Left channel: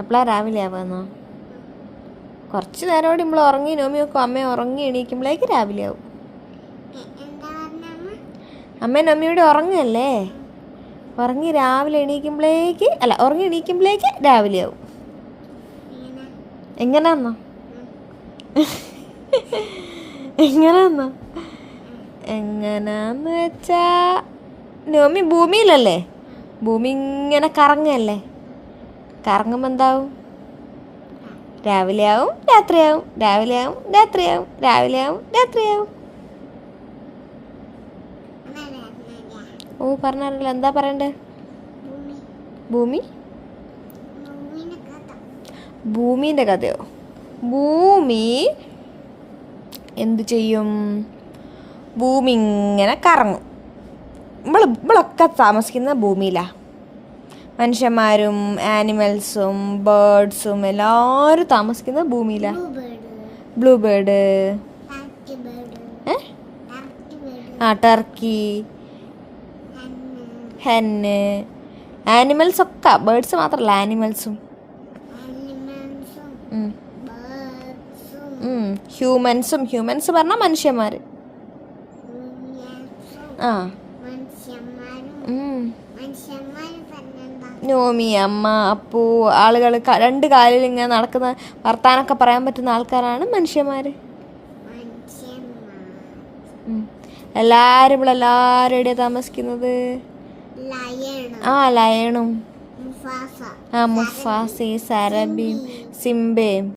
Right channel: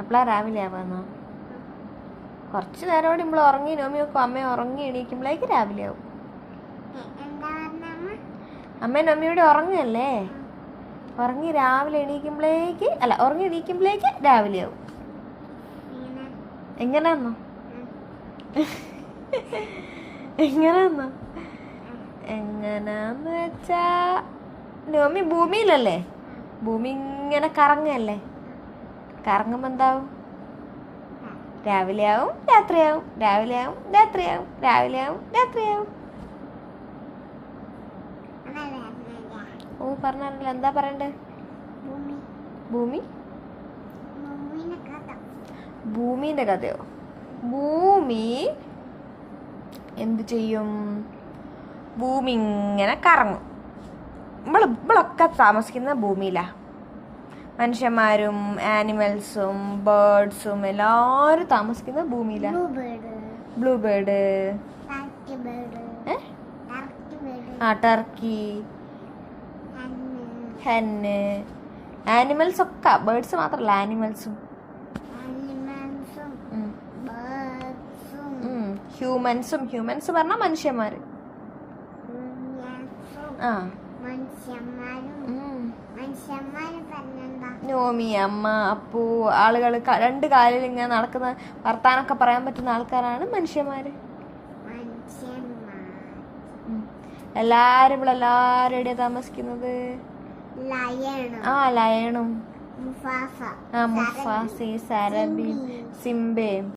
എപ്പോഴാ രാവിലെ ആവാന്നോ? കുറച്ച് നേരോടെ നമ്മൾ ഉറങ്ങി നോമി നോക്കും. അമ്മ ഉറങ്ങി എണീക്കുമ്പോഴേക്ക് രാവിലെ ആവും. അമ്മ നോമിയോടെ ഉറങ്ങല്ലേ, ഉറങ്ങി രാവിലെ എണീക്കുമ്പോഴേക്ക് ഉറങ്ങി എണീക്കുമ്പോഴേക്ക് രാവിലെ ആവും. എങ്ങനാന്നോ എങ്ങനാന്നോ എങ്ങനാന്ന് വെച്ചാ നോമി ഭൂമിയിലല്ലേ, ഭൂമി ഇങ്ങനെ കറങ്ങല്ലേ, കറങ്ങുമ്പോൾ എന്താവും? രാവിലെ ആവും രാത്രിയാവും, രാവിലെ ആവും രാത്രിയാവും, രാവിലെ ആവും രാത്രിയാവും. ഓ പറഞ്ഞറിയില്ല, എന്താ പറയണ്ടേ? ഭൂമി ഭൂമിൻ്റെ കഥയോ? ഭൂമി എന്തു ചെയ്യും? ഭൂമി ഇങ്ങനെ കറങ്ങും. നമ്മളൊക്കെ താമസിക്കുന്ന ഭൂമിയിലാണ്. മനുഷ്യന്മാരും ആനിമൽസും ബേർഡ്സും എല്ലാവരും താമസിക്കുന്ന ഭൂമിയിലാണ്. ബ്ലൂ ബേർഡ്, ടർക്കി, ഹെന്ന്, ആനിമൽസ് ഒക്കെ. ബേർഡ്സ് മാത്രമല്ല, ആനിമൽസും. ഹ്യൂമൻസ് പറഞ്ഞാൽ മനുഷ്യന്മാർ. ആ നോമി, അമ്മ, അപ്പു, ആളുകൾ രണ്ട് കാലിൽ ഇങ്ങനെ നടക്കുന്ന വർത്താനൊക്കെ പറയാൻ പറ്റുന്ന ആൾക്കാരാണ് മനുഷ്യന്മാർ. എല്ലാവരും എവിടെയാണ് താമസിക്കുന്നത്? ലയണും മുഫാസി, സരബിയും സിംബയും.